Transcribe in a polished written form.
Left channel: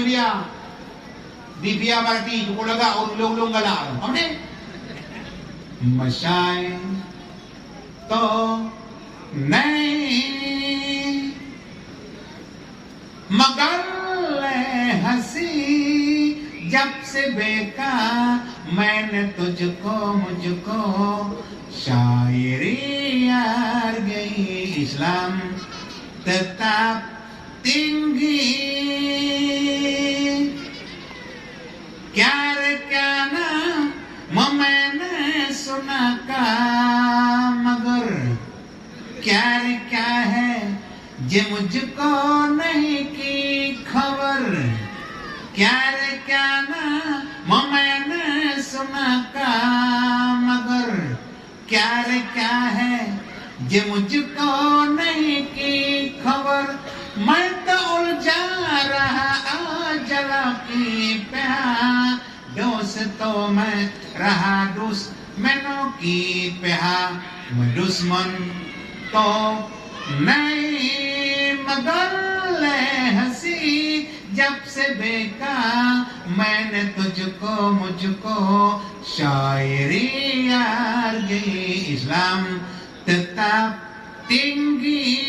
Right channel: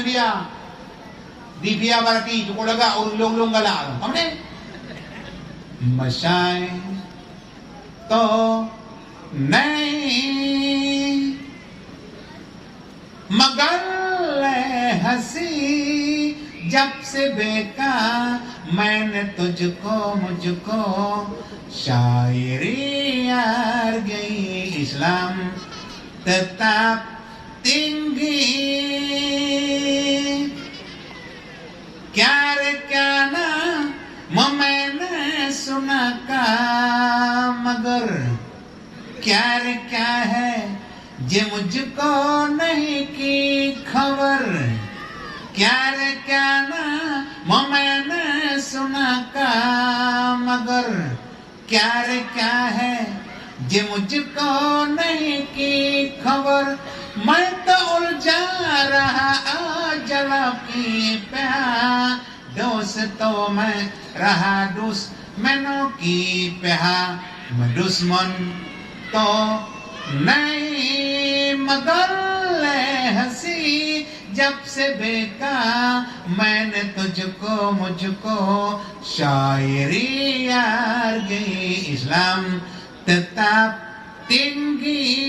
dia di via berarti tukulaga ulung-ulung gala. Oke? Masay to नहीं मगर हंसी जब से देखा मैंने तुझको मुझको शायरी यार गई इस्लाम tetap tinggi क्या रे क्या ना मैंने सुना का मगर क्या रे क्या है जे मुझको नहीं की खबर क्या रे क्या ना मैंने सुना का मगर क्या रे क्या है जे मुझको नहीं की खबर मैं तो उलझा रहा जला की प्यार दोस्तों में रहा दुश्मनों की प्यार दुश्मन तो नहीं मगर हंसी जब से देखा मैंने तुझको मुझको शायरी यार गई इस्लाम tetap tinggi